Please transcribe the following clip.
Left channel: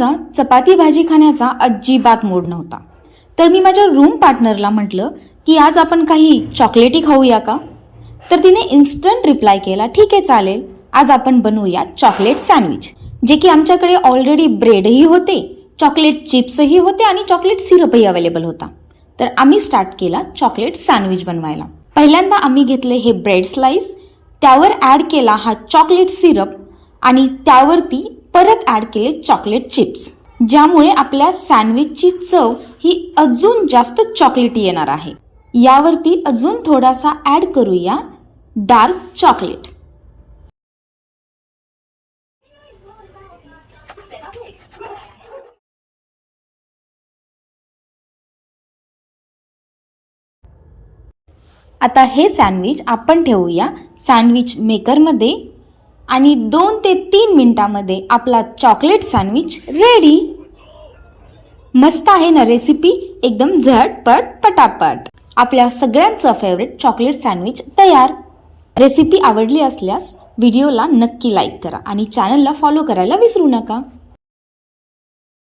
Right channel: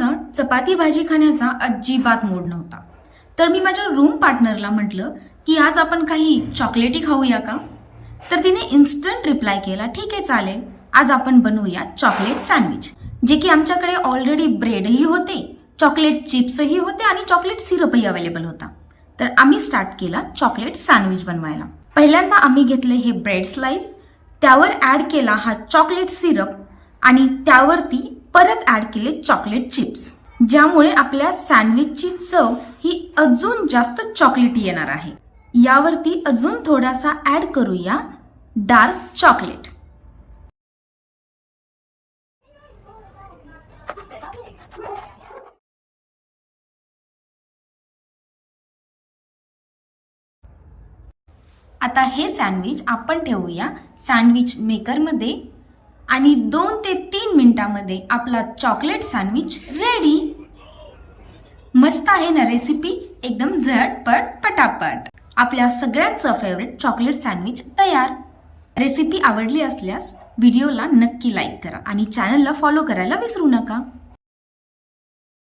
माझा चपाती भाजी खाण्याचा अजिबात मूड नव्हता, तर मी माझ्या रूम पार्टनरला म्हटलं की आज आपण काही चॉकलेटी खाऊया का? तर तिने इन्स्टंट रिप्लाय केला, ठीक आहे चालेल, आज आपण बनवूया चॉकलेट सँडविच. जे की आमच्याकडे ऑलरेडी ब्रेडही होते, चॉकलेट चिप्सही होते आणि चॉकलेट सिरपही अवेलेबल होता. तर आम्ही स्टार्ट केला चॉकलेट सँडविच बनवायला. पहिल्यांदा आम्ही घेतले हे ब्रेड स्लाइस, त्यावर ॲड केला हा चॉकलेट सिरप आणि त्यावरती परत ॲड केले चॉकलेट चिप्स, ज्यामुळे आपल्या सँडविचची चव ही अजून जास्त चॉकलेटी येणार आहे. यावरती अजून थोडासा ॲड करूया डार्क चॉकलेट. आता हे सँडविच आपण ठेवूया सँडविच मेकरमध्ये आणि 2 ते 3 मिनिटांमध्ये आपला चॉकलेट सँडविच रेडी. मस्त आहे ना रेसिपी, एकदम झटपट पटापट. आपल्या सगळ्यांचं फेवरेट चॉकलेट सँडविच तयार. रेसिपी आवडली असल्यास व्हिडिओला नक्की लाईक करा आणि चॅनलला फॉलो करायला विसरू नका.